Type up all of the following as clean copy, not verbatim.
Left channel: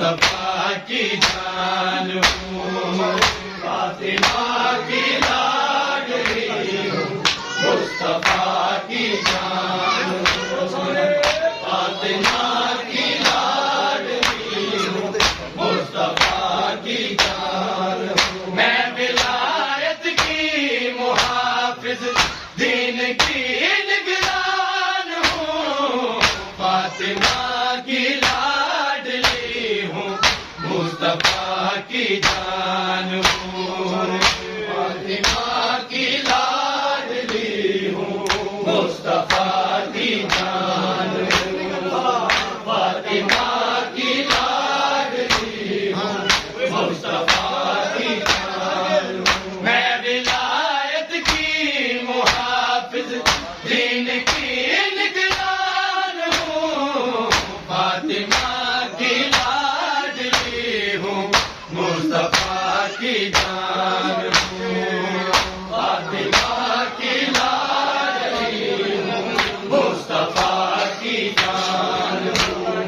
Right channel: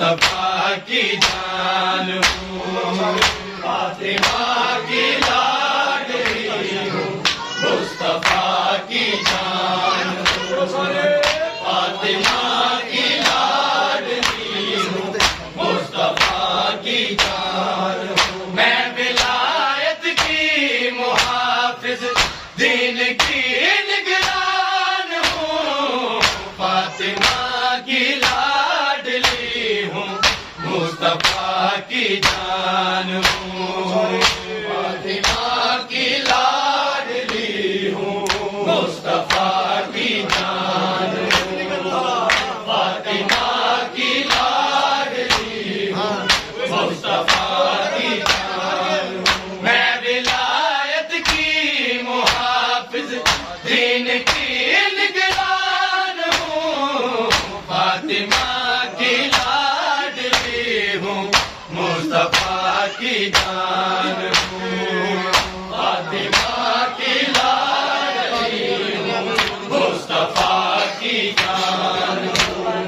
مصطفیٰ کی جان ہوں، فاطمہ کی لاڈلی ہوں، مصطفیٰ کی جان ہوں، فاطمہ کی لاڈلی ہوں، مصطفیٰ کی جان ہوں، میں ولایت کی محافظ دین کی نگران ہوں، فاطمہ کی لاڈلی ہوں، مصطفیٰ کی جان ہوں، فاطمہ کی لاڈلی ہوں، مصطفیٰ کی جان ہوں، فاطمہ کی لاڈلی ہوں، مصطفیٰ کی جان ہوں، میں ولایت کی محافظ دین کی نگران ہوں، فاطمہ کی لاڈلی ہوں، مصطفیٰ کی جان ہوں، فاطمہ کی لاڈلی ہوں، مصطفیٰ کی جان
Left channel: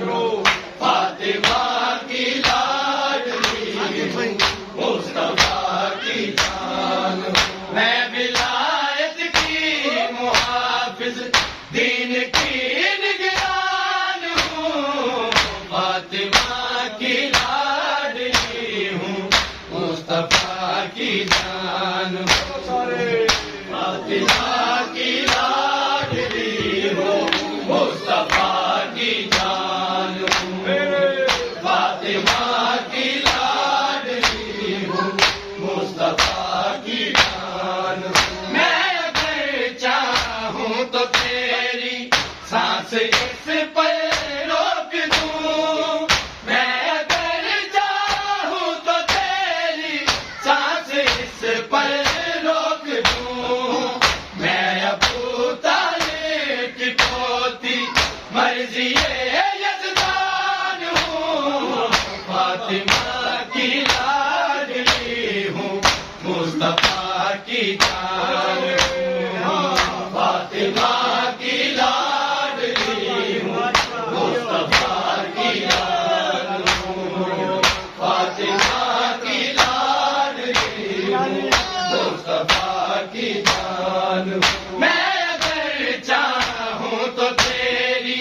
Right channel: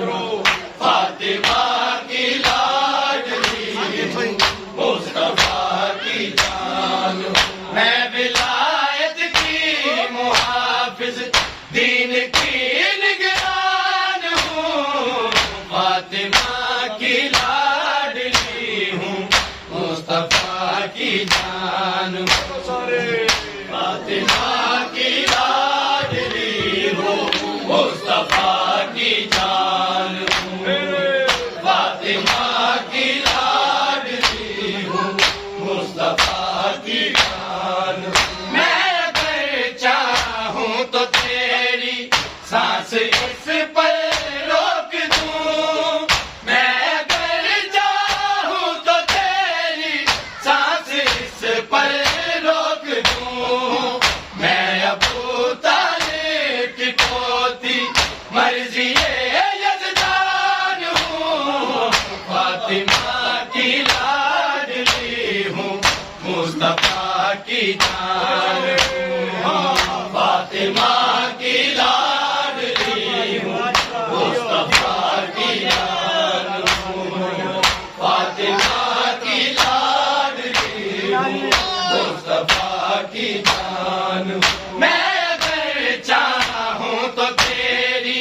ہوں، فاطمہ کی لاڈلی ہوں، مصطفیٰ کی جان ہوں، میں ولایت کی محافظ دین کی نگران ہوں، فاطمہ کی لاڈلی ہوں، مصطفیٰ کی جان ہوں، فاطمہ کی لاڈلی ہوں، مصطفیٰ کی جان ہوں، فاطمہ کی لاڈلی ہوں، مصطفیٰ کی جان ہوں، میں اگر چاہوں تو تیری سانس اس پر روک دوں، میں اگر چاہوں تو تیری سانس اس پر روک دوں، میں ابو طالب کی پوتی مرضی یزدان ہوں، فاطمہ کی لاڈلی ہوں، مصطفیٰ کی جان ہوں، فاطمہ کی لاڈلی ہوں، مصطفیٰ کی جان ہوں، فاطمہ کی لاڈلی ہوں، مصطفیٰ کی جان ہوں، میں اگر چاہوں تو تیری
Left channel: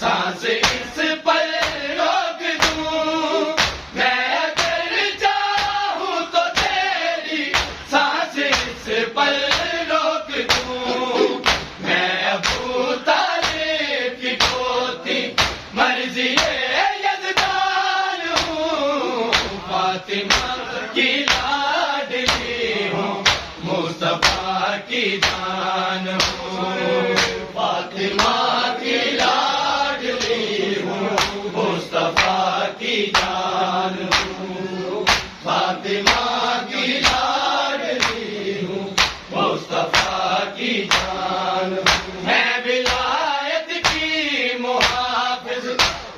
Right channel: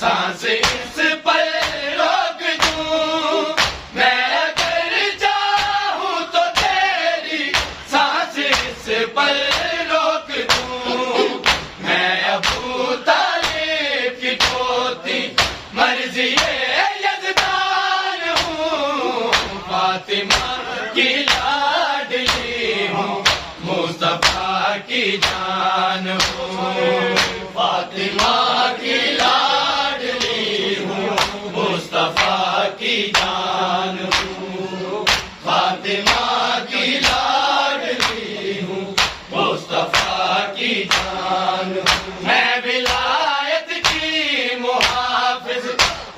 سانس اس پر روک دوں، میں اگر چاہوں تو تیری سانس اس پر روک دوں، میں ابو طالب کی پوتی مرضی یزدان ہوں، فاطمہ کی لاڈلی ہوں، مصطفیٰ کی جان ہوں، فاطمہ کی لاڈلی ہوں، مصطفیٰ کی جان ہوں، فاطمہ کی لاڈلی ہوں، مصطفیٰ کی جان ہوں، میں ولایت کی محافظ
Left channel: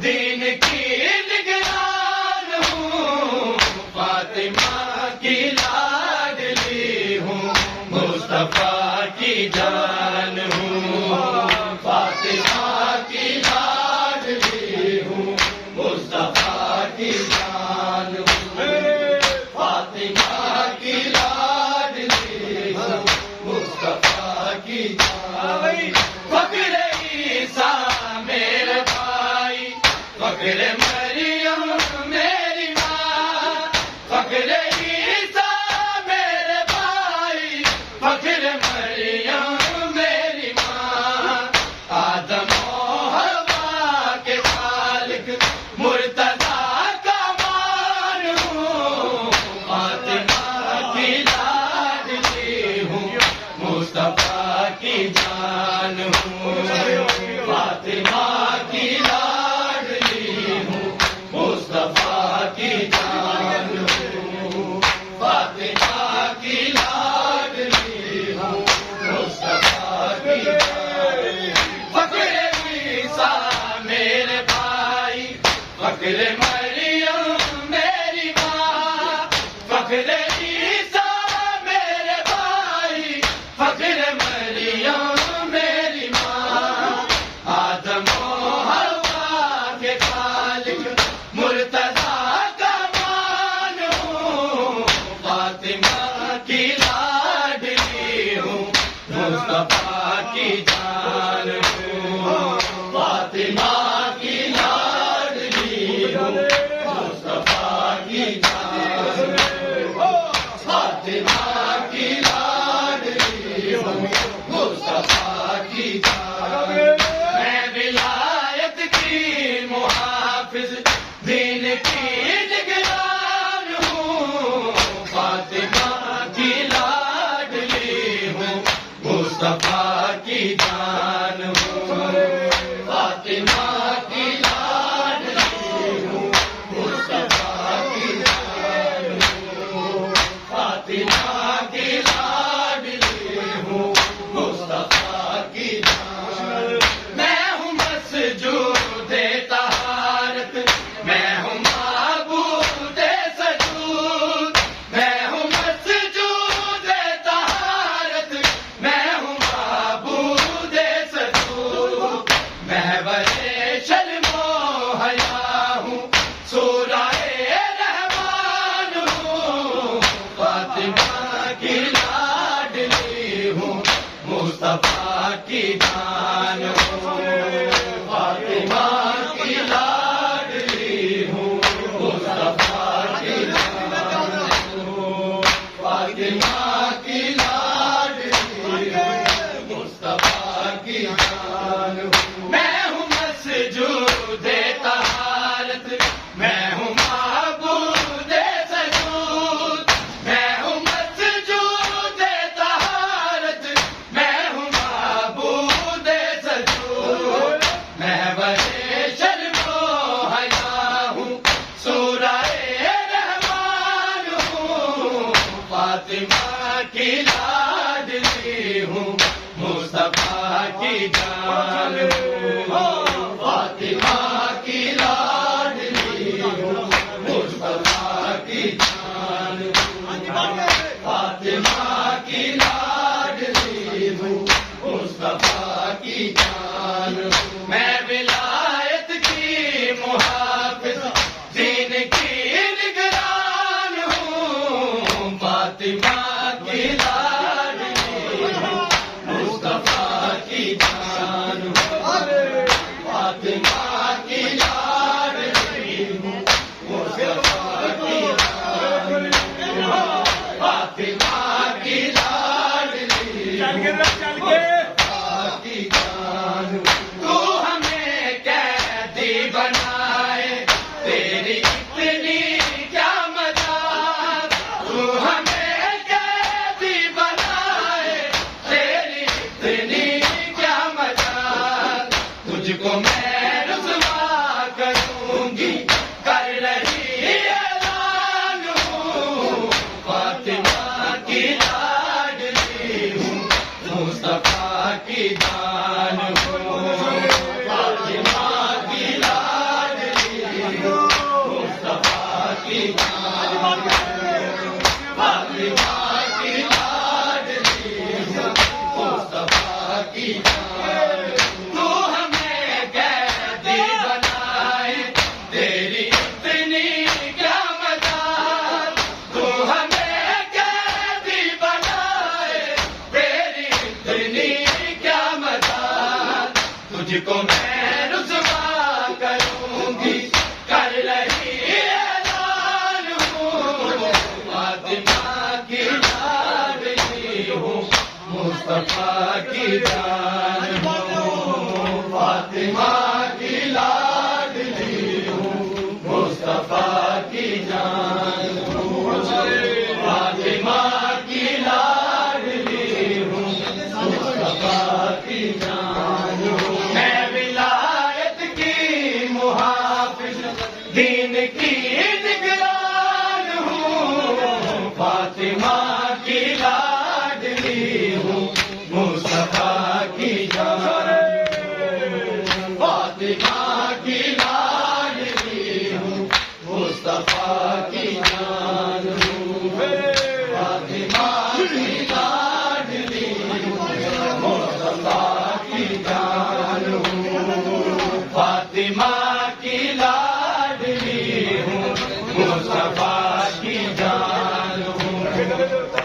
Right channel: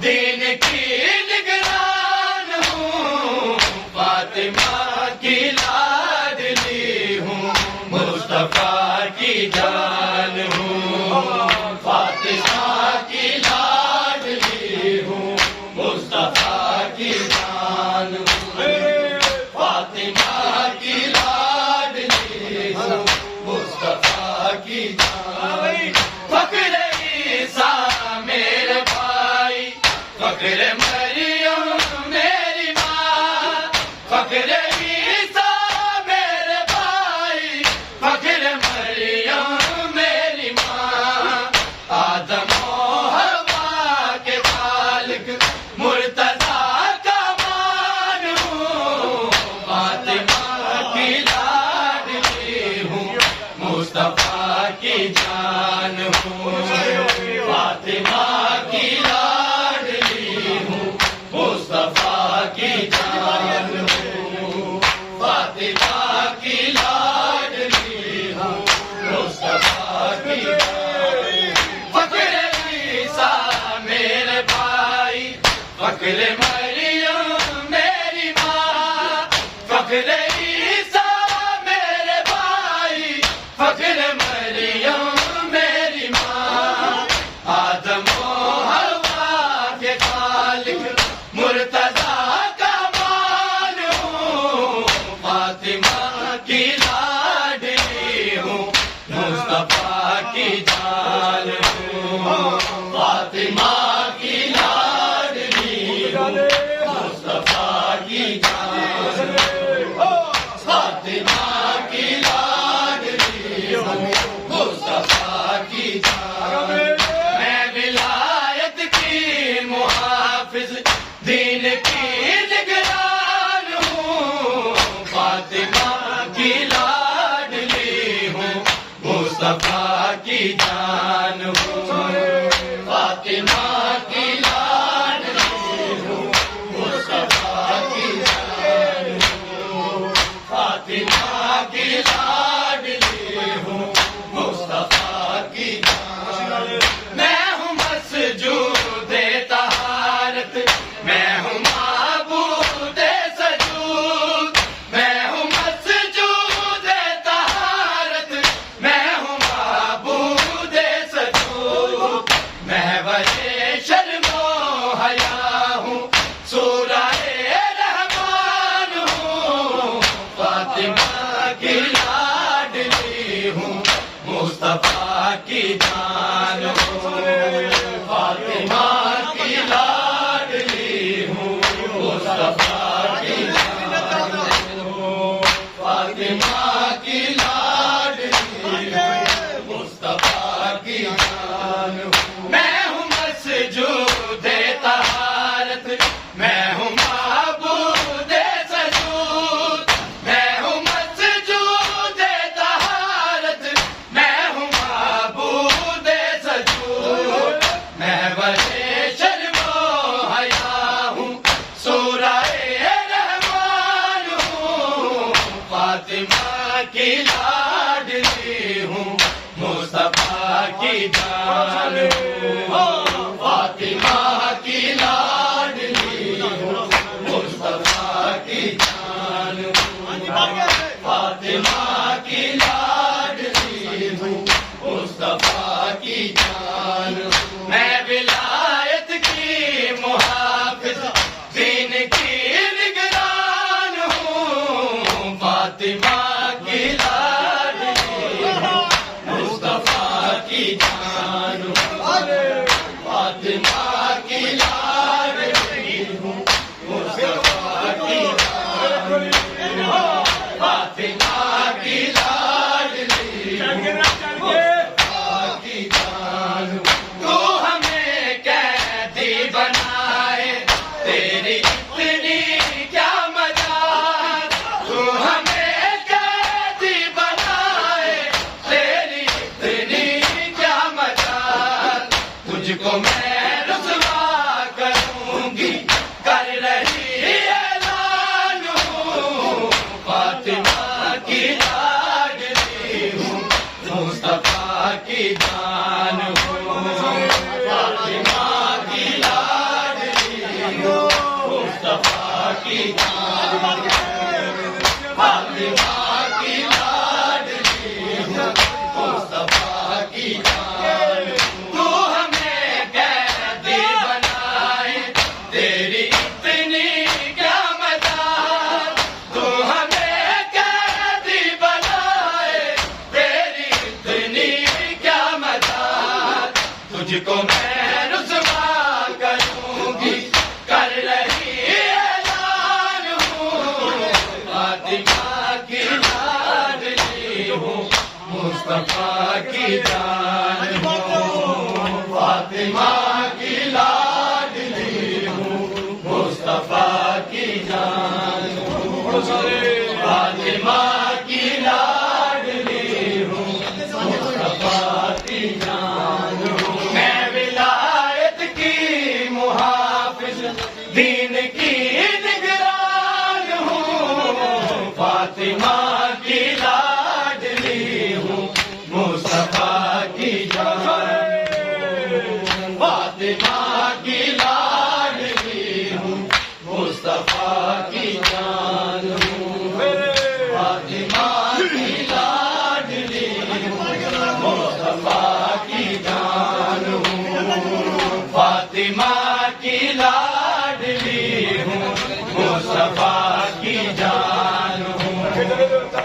دین کی نگران ہوں، فاطمہ کی لاڈلی ہوں، مصطفیٰ کی جان ہوں، فاطمہ کی لاڈلی ہوں، مصطفیٰ کی جان ہوں، فاطمہ کی لاڈلی ہوں، مصطفیٰ کی جان ہوں، فخر عیسیٰ میرے بھائی، فخر مریم میری ماں، فخر عیسیٰ میرے بھائی، فخر مریم میری ماں، آدم و حوا کے خالق مرتضیٰ کا مان ہوں، فاطمہ کی لاڈلی ہوں، مصطفیٰ کی جان ہوں، فاطمہ کی لاڈلی ہوں، مصطفیٰ کی جان ہوں، فاطمہ کی لاڈلی ہوں، مصطفیٰ کی جان ہوں، فخر عیسیٰ میرے بھائی، فخر مریم میری ماں، فخر عیسیٰ میرے بھائی، فخر مریم میری ماں، آدم و حوا کے خالق مرتضیٰ محافظ دین کی نگران ہوں، فاطمہ کی لاڈلی ہوں، مصطفیٰ کی جان ہوں، فاطمہ کی لاڈلی ہوں، مصطفیٰ کی جان ہوں، فاطمہ کی لاڈلی ہوں، مصطفیٰ کی جان ہوں۔ میں ہوں مسجود طہارت، میں ہوں معبود سجود، میں ہوں مسجود طہارت، میں ہوں معبود سجود، محور شرم و حیا ہوں، سورہ رحمان ہوں، فاطمہ کی لاڈلی ہوں، مصطفیٰ کی جان ہوں، فاطمہ کی لاڈلی ہوں، مصطفیٰ کی جان ہوں، فاطمہ کی لاڈلی ہوں، مصطفیٰ کی جان ہوں۔ میں ہوں مسجود طہارت، میں ہوں معبود سجود، میں ہوں مسجود طہارت، میں ہوں معبود سجود، محور شرم و حیا ہوں، سورہ رحمان ہوں، فاطمہ کی لاڈلی ہوں، مصطفیٰ کی جان ہوں، فاطمہ کی لاڈلی ہوں، مصطفیٰ کی جان ہوں، فاطمہ کی لاڈلی ہوں، مصطفیٰ کی جان ہوں۔ میں ولایت کی محافظ دین کی نگران ہوں، فاطمہ کی لاڈلی ہوں، مصطفیٰ کی جان ہوں، فاطمہ کی لاڈلی ہوں، مصطفیٰ کی جان ہوں، فاطمہ کی لاڈلی ہوں، مصطفیٰ کی جان ہوں۔ تو ہمیں قیدی بنائے، تیری اتنی کیا مجال، تو ہمیں قیدی بنائے، تیری اتنی کیا مجال، تجھ کو میں رسوا کروں گی، کر رہی اعلان ہوں، فاطمہ کی لاڈلی ہوں، مصطفیٰ کی جان ہوں، فاطمہ کی لاڈلی ہوں، مصطفیٰ کی جان ہوں، فاطمہ کی لاڈلی ہوں، مصطفیٰ کی جان ہوں۔ تو ہمیں قیدی بنائے، تیری اتنی کیا مجال، تو ہمیں قیدی بنائے، تیری اتنی کیا مجال، تجھ کو میں رسوا کروں گی، کر رہی اعلان ہوں، فاطمہ کی لاڈلی ہوں، مصطفیٰ کی جان ہوں، فاطمہ کی لاڈلی ہوں، مصطفیٰ کی جان ہوں، فاطمہ کی لاڈلی ہوں، مصطفیٰ کی جان ہوں۔ میں ولایت کی محافظ دین کی نگران ہوں، فاطمہ کی لاڈلی ہوں، مصطفیٰ کی جان ہوں، فاطمہ کی لاڈلی ہوں، مصطفیٰ کی جان ہوں، فاطمہ کی لاڈلی ہوں، مصطفیٰ کی جان ہوں، فاطمہ کی لاڈلی ہوں، مصطفیٰ کی جان ہوں،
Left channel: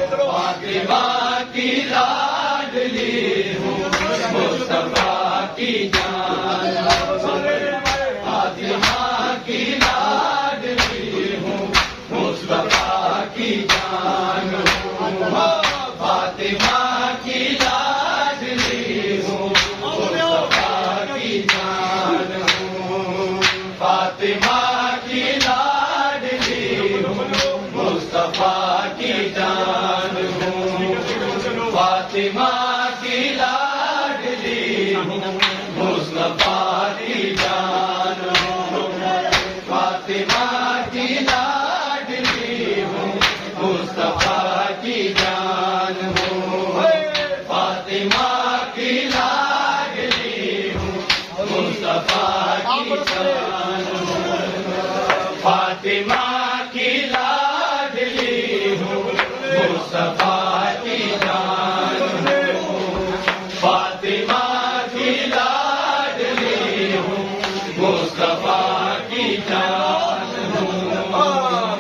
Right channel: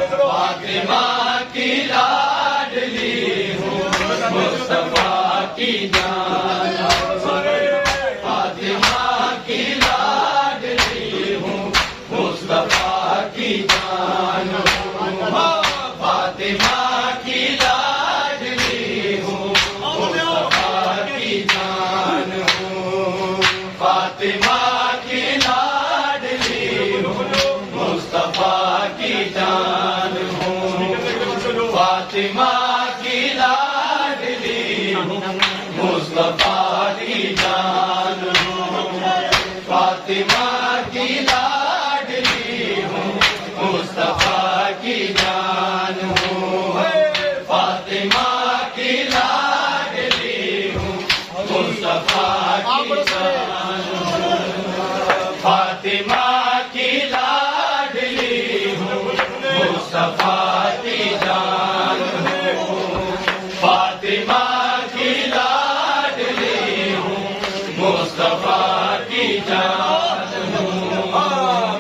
فاطمہ کی لاڈلی ہوں، مصطفیٰ کی جان ہوں، فاطمہ کی لاڈلی ہوں، مصطفیٰ کی جان ہوں، فاطمہ کی لاڈلی ہوں، مصطفیٰ کی جان ہوں، فاطمہ فاطمہ کی لاڈلی ہوں مصطفیٰ کی جان ہوں فاطمہ کی لاڈلی ہوں مصطفیٰ کی جان ہوں فاطمہ کی لاڈلی ہوں مصطفیٰ کی جان ہوں فاطمہ کی لاڈلی ہوں مصطفیٰ کی جان ہوں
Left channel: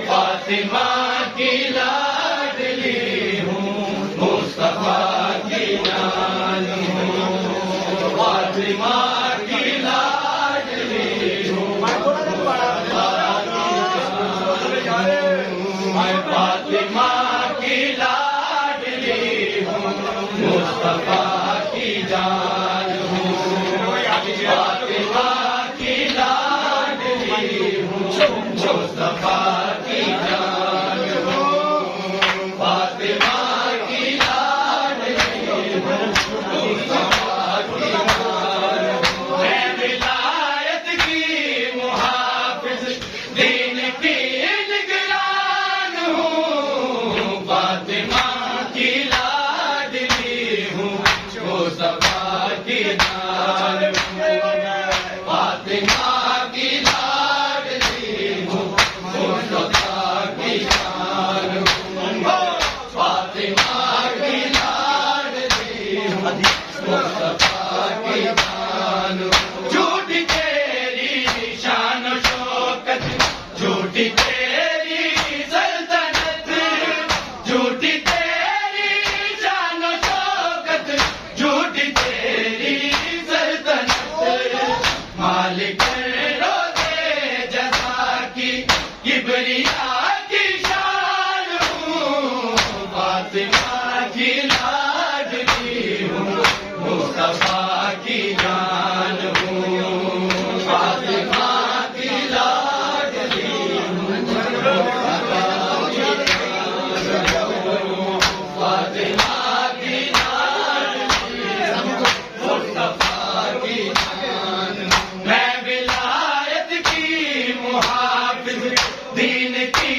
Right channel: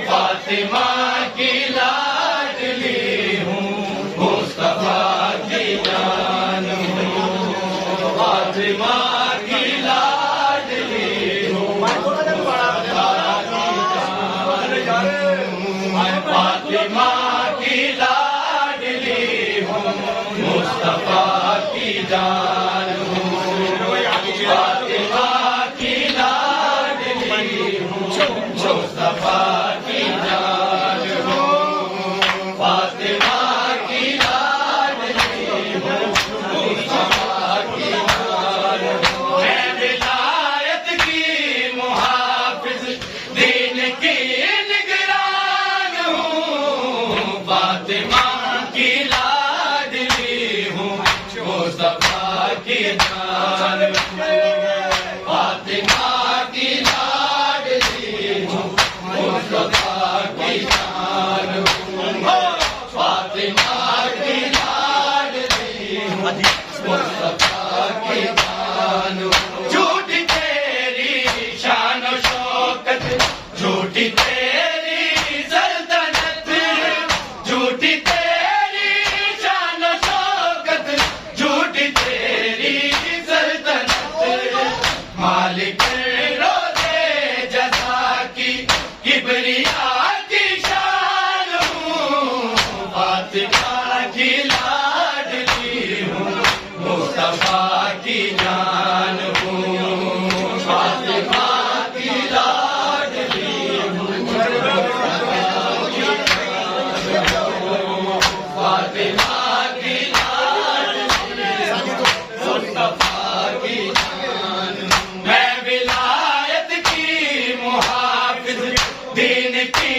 فاطمہ کی لاڈلی ہوں مصطفیٰ کی جان ہوں فاطمہ کی لاڈلی ہوں فاطمہ کی لاڈلی ہوں مصطفیٰ کی جان ہوں فاطمہ کی لاڈلی ہوں مصطفیٰ کی جان ہوں فاطمہ کی لاڈلی ہوں مصطفیٰ کی جان ہوں میں ولایت کی محافظ دین کی نگران ہوں فاطمہ کی لاڈلی ہوں مصطفیٰ کی جان ہوں فاطمہ کی لاڈلی ہوں مصطفیٰ کی جان ہوں فاطمہ کی لاڈلی ہوں مصطفیٰ کی جان ہوں جھوٹی تیری شان و شوکت جھوٹی تیری سلطنت جھوٹی تیری شان و شوکت جھوٹی تیری سلطنت مالک روزے جزا کی کبریا کی شان ہوں فاطمہ کی لاڈلی ہوں مصطفیٰ کی جان ہوں فاطمہ کی لاڈلی ہوں مصطفیٰ کی جان ہوں فاطمہ کی لاڈلی ہوں مصطفیٰ کی جان ہوں میں ولایت کی محافظ دین کی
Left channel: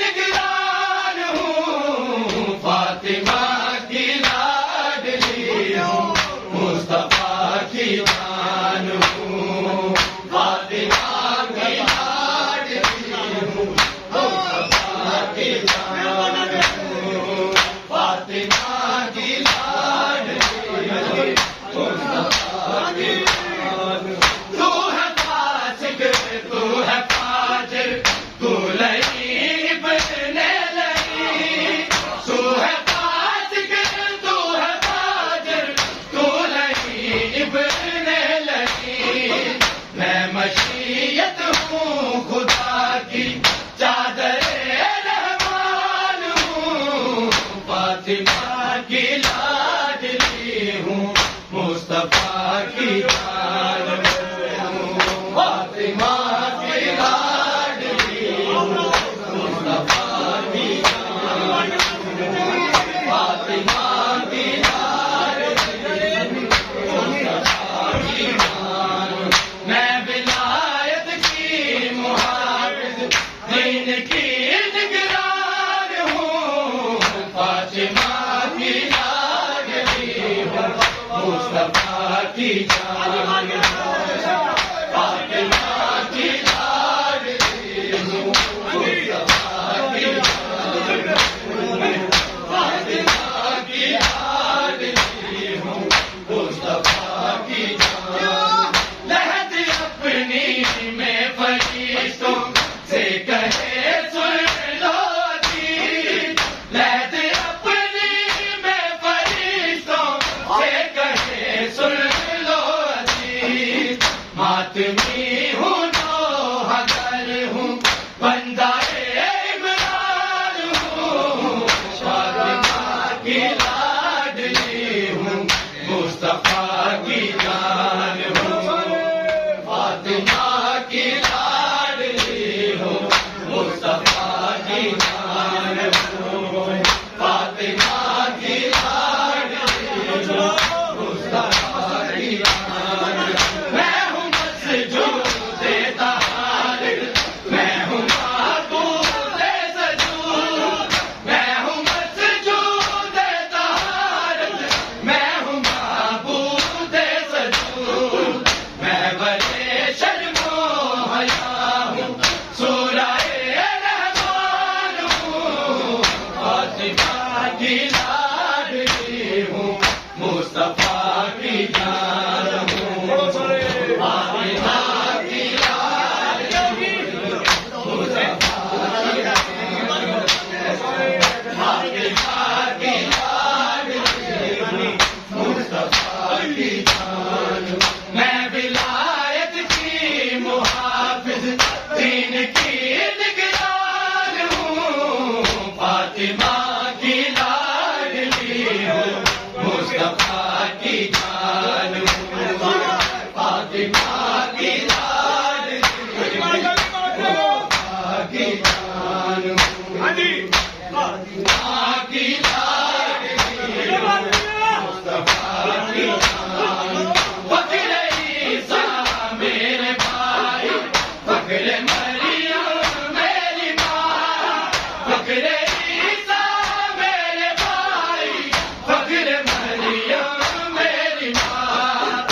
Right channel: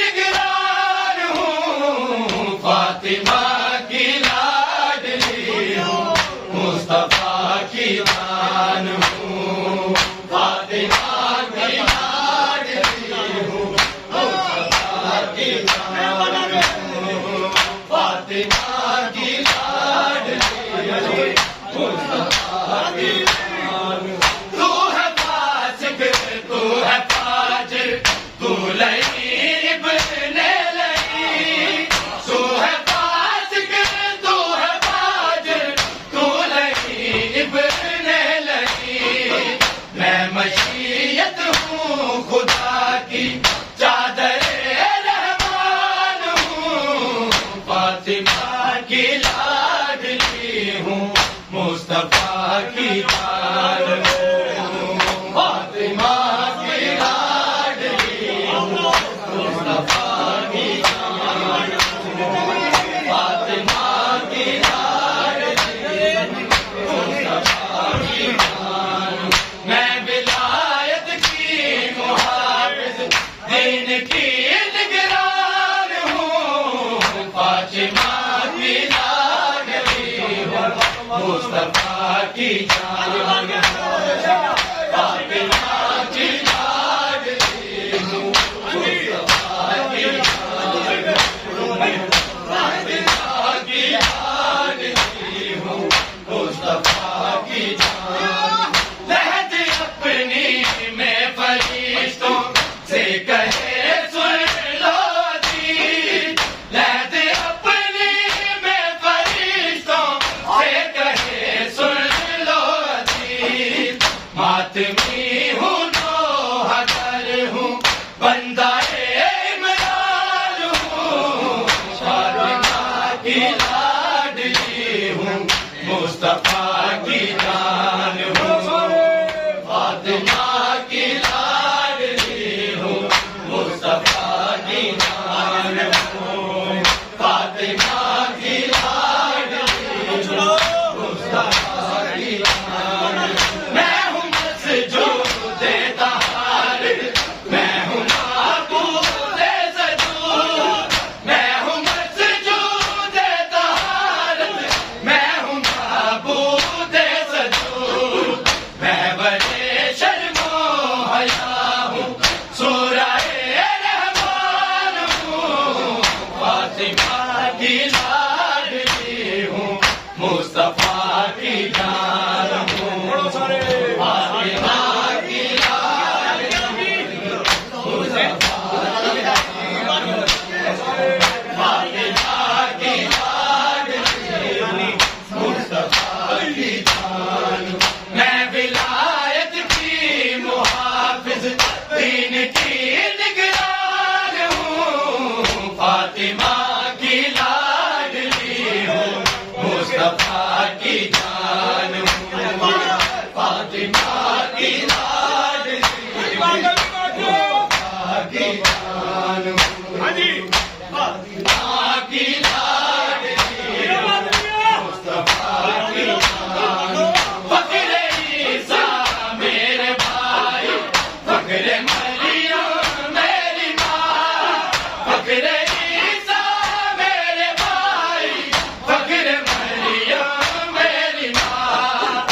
نگران ہوں فاطمہ کی لاڈلی ہوں مصطفیٰ کی جان ہوں فاطمہ کی لاڈلی ہوں مصطفیٰ کی جان ہوں فاطمہ کی لاڈلی ہوں مصطفیٰ کی جان ہوں تو ہے فاسق تو ہے فاجر تو لعیب نے لئی تو ہے فاسق تو ہے فاجر تو لعیب نے لئی میں مشیت ہوں خدا کی چادر رحمان ہوں فاطمہ کی لاڈلی ہوں مصطفیٰ کی جان ہوں فاطمہ کی لاڈلی ہوں مصطفیٰ کی جان ہوں فاطمہ کی لاڈلی ہوں مصطفیٰ کی جان ہوں میں ولایت کی محافظ دین کی نگران ہوں فاطمہ کی لاڈلی ہوں مصطفیٰ کی جان ہوں فاطمہ کی لاڈلی ہوں مصطفیٰ کی جان ہوں فاطمہ کی لاڈلی ہوں مصطفیٰ کی جان لہد اپنی میں فرشتوں سے کہے سن لو جی لہد اپنی میں فرشتوں سے کہے سن لو جی ماتمی ہوں تو حضر ہوں بندہ عمران ہوں فاطمہ کی لاڈلی ہوں مصطفیٰ کی جان ہوں فاطمہ کی لاڈلی ہوں مصطفیٰ کی جان ہوں فاطمہ کی لاڈلی ہوں مصطفیٰ کی جان ہوں میں ہوں مسجود طہارت میں دین کی نگران ہوں، فاطمہ کی لاڈلی ہوں، مصطفیٰ کی جان ہوں، فاطمہ کی لاڈلی ہوں، مصطفیٰ کی جان ہوں، فاطمہ کی لاڈلی ہوں، مصطفیٰ کی جان ہوں۔ فخر عیسیٰ میرے بھائی، فخر مریم میری ماں، فخر عیسیٰ میرے بھائی، فخر مریم میری ماں،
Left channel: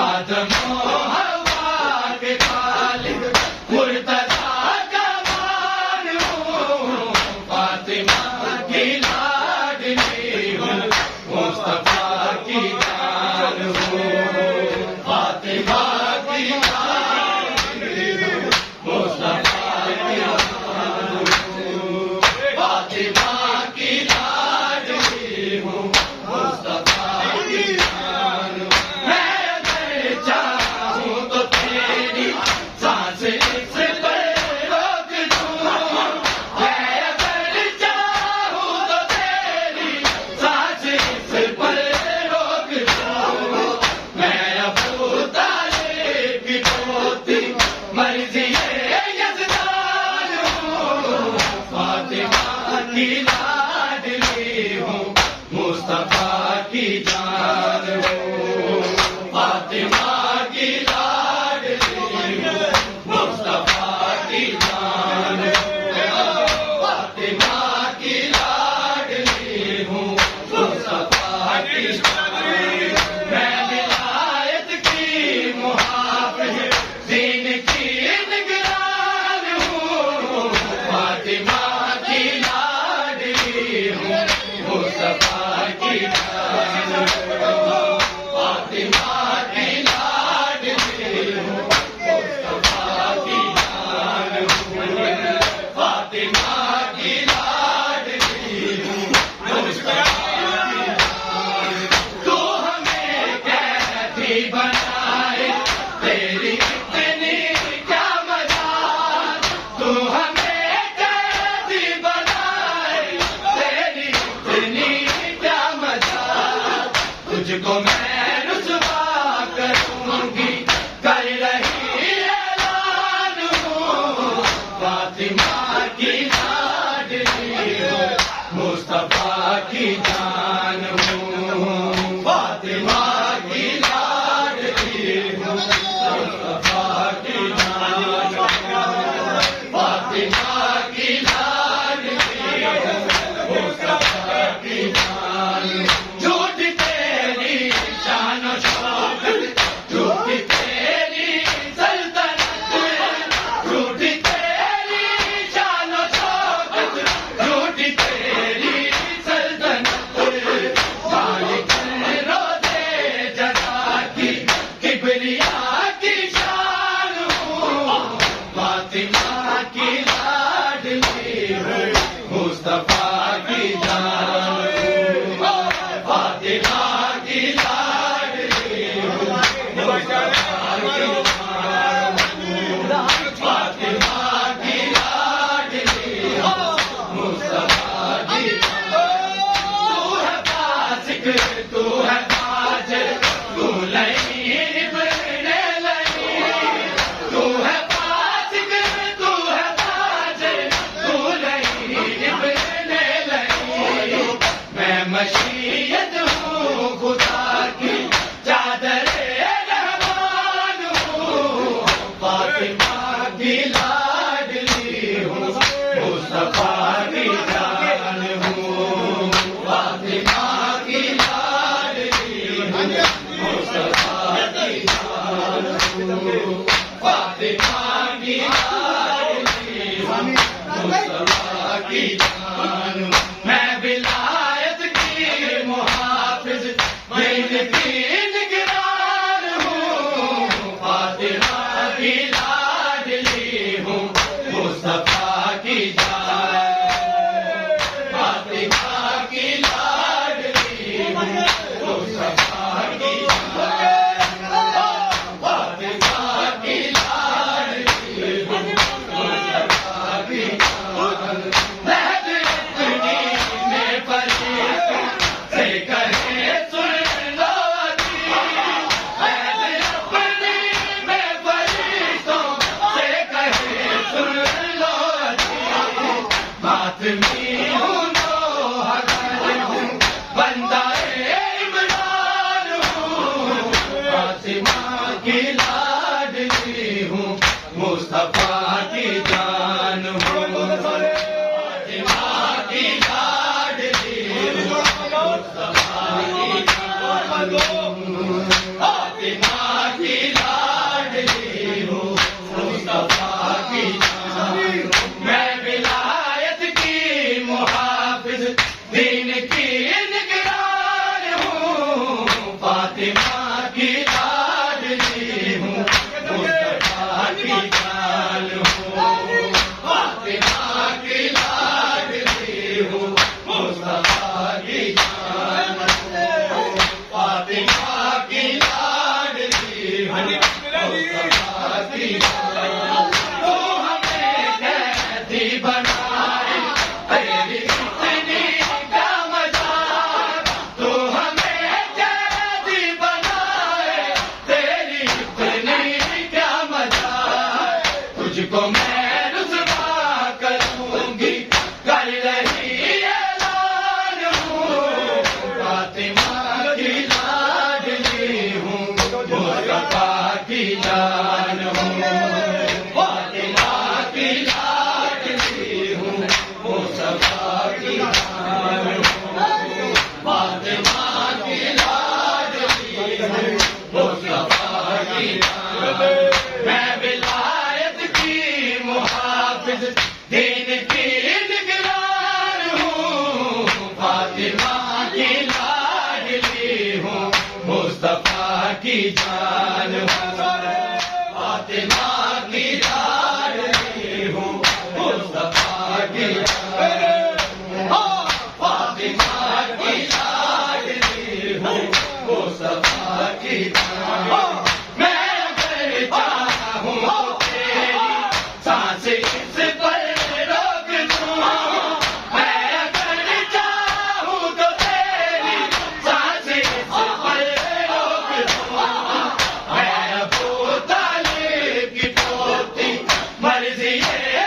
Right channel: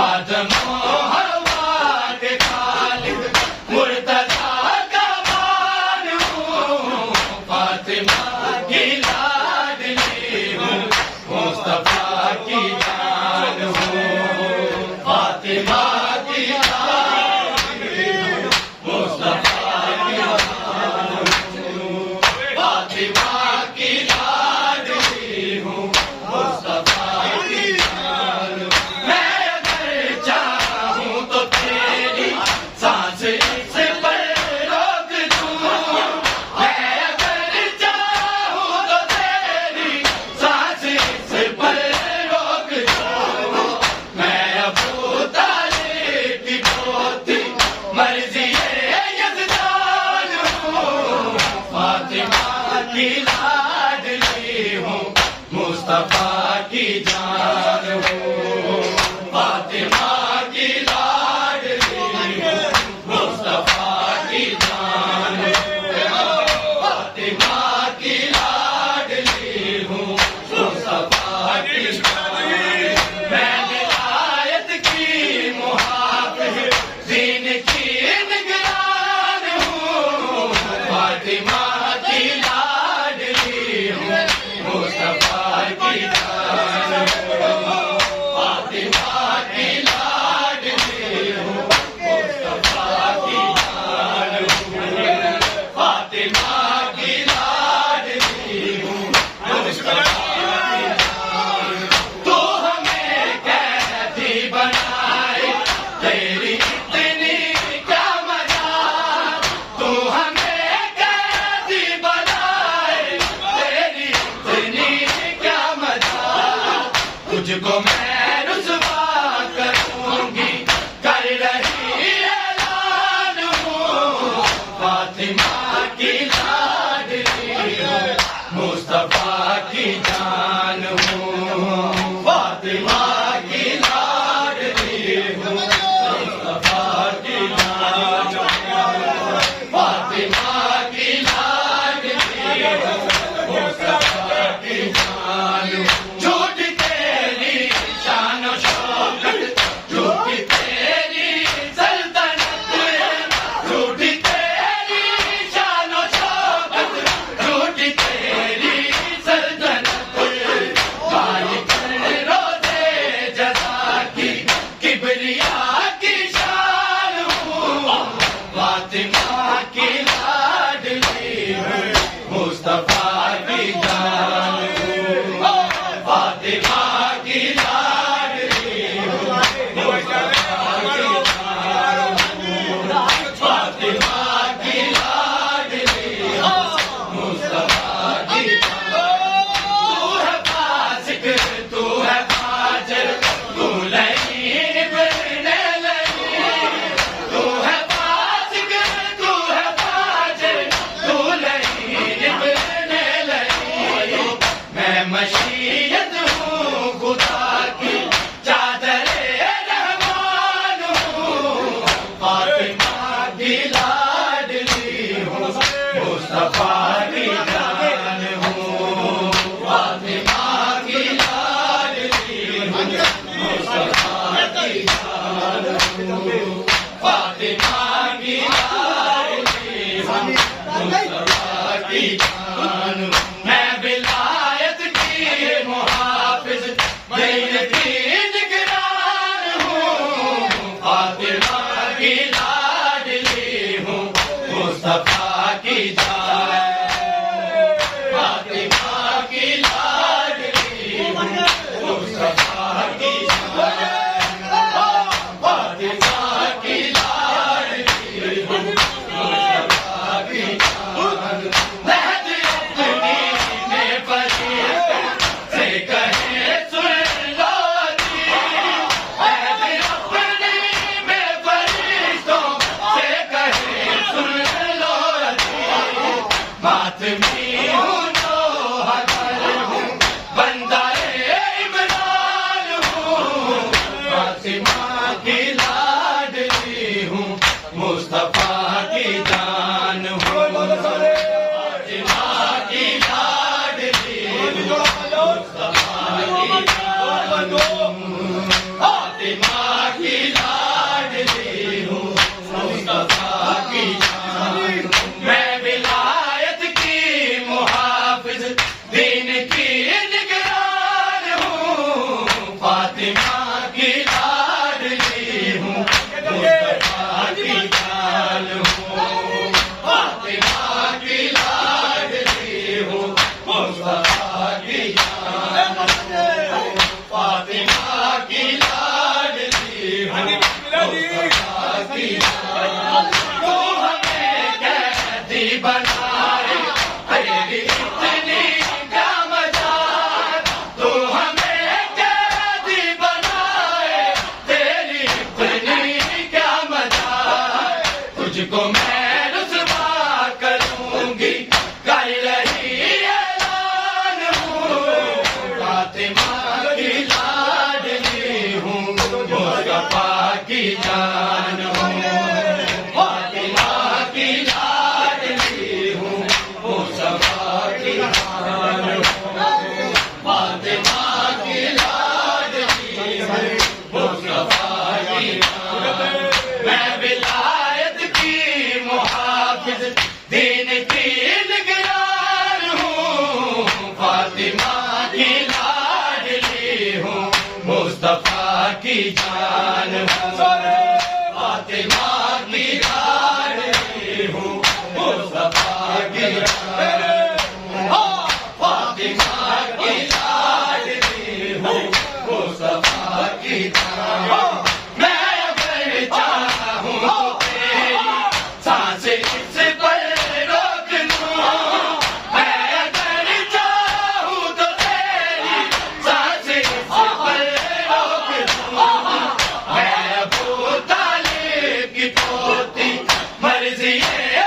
آدم و حوا کے خالق مرتضیٰ کا مان ہوں، فاطمہ کی لاڈلی ہوں، مصطفیٰ کی جان ہوں، فاطمہ کی لاڈلی ہوں، مصطفیٰ کی جان ہوں، فاطمہ کی لاڈلی ہوں، مصطفیٰ کی جان ہوں۔ میں اگر چاہوں تو تیری سانس اس پر روک دوں، میں اگر چاہوں تو تیری سانس اس پر روک دوں، میں ابو طالب کی پوتی مرضی یزدان ہوں، فاطمہ کی لاڈلی ہوں، مصطفیٰ کی جان ہوں، فاطمہ کی لاڈلی ہوں، مصطفیٰ کی جان ہوں، فاطمہ کی لاڈلی ہوں، مصطفیٰ کی جان ہوں۔ میں ولایت کی محافظ، دین کی نگران ہوں، فاطمہ کی لاڈلی ہوں، مصطفیٰ کی جان ہوں، فاطمہ کی لاڈلی ہوں، مصطفیٰ کی جان ہوں، فاطمہ کی لاڈلی ہوں، مصطفیٰ کی جان ہوں۔ تو ہمیں قیدی بنائے تیری اتنی کیا مجال، تو ہمیں قیدی بنائے تیری اتنی کیا مجال، تجھ کو میں رسوا کروں گی کر رہی اعلان ہوں، فاطمہ کی لاڈلی ہوں، مصطفیٰ کی جان ہوں، فاطمہ کی لاڈلی ہوں، مصطفیٰ کی جان ہوں، فاطمہ کی لاڈلی ہوں، مصطفیٰ کی جان ہوں۔ جھوٹ تیری شان و شوکت، جھوٹ تیری سلطنت، جھوٹ تیری شان و شوکت، جھوٹ تیری سلطنت، مالک روزے جزا کی کبریا کی شان ہوں، فاطمہ کی لاڈلی ہوں، مصطفیٰ کی جان ہوں، فاطمہ کی لاڈلی ہوں، مصطفیٰ کی جان ہوں، فاطمہ کی لاڈلی ہوں، مصطفیٰ کی جان ہوں۔ تو ہے فاسق، تو ہے فاجر، تو لعین ابن لعین، تو ہے فاسق، تو ہے فاجر، تو لعین ابن لعین، میں مشیت ہوں خدا کی چادر رحمان ہوں، فاطمہ کی لاڈلی ہوں، مصطفیٰ کی جان ہوں، فاطمہ کی لاڈلی ہوں، مصطفیٰ کی جان ہوں، فاطمہ کی لاڈلی ہوں، مصطفیٰ کی جان ہوں۔ میں ولایت کی محافظ، دین کی نگران ہوں، فاطمہ کی لاڈلی ہوں، مصطفیٰ کی جان ہوں، فاطمہ کی لاڈلی ہوں، مصطفیٰ کی جان ہوں، فاطمہ کی لاڈلی ہوں، فاطمی ہوں تو حضر ہوں بندہ عمران ہوں فاطمہ کی لاڈلی ہوں مصطفیٰ کی جان ہوں فاطمہ کی لاڈلی ہوں مصطفیٰ کی جان ہوں فاطمہ کی لاڈلی ہوں مصطفیٰ کی جان ہوں میں ولایت کی محافظ دین کی نگران ہوں فاطمہ کی لاڈلی ہوں مصطفیٰ کی جان ہوں فاطمہ کی لاڈلی ہوں مصطفیٰ کی جان ہوں فاطمہ کی لاڈلی ہوں مصطفیٰ کی جان تو ہمیں قیدی بنائے تیری اتنی کیا مجال تو ہمیں قیدی بنائے تیری اتنی کیا مجال تجھ کو میں رسوا کروں گی کر رہی اعلان ہوں فاطمہ کی لاڈلی ہوں مصطفیٰ کی جان ہوں فاطمہ کی لاڈلی ہوں مصطفیٰ کی جان ہوں فاطمہ کی لاڈلی ہوں مصطفیٰ کی جان میں ولایت کی محافظ دین کی نگران ہوں فاطمہ کی لاڈلی ہوں مصطفیٰ کی جان ہوں فاطمہ کی لاڈلی ہوں مصطفیٰ کی جان ہوں فاطمہ کی لاڈلی ہوں مصطفیٰ کی جان ہوں میں اگر چاہوں تو تیری سانسیں اس پر روک لوں میں اگر چاہوں تو تیری سانسیں اس پر روک لوں میں ابو طالب کی پوتی مرضی ہے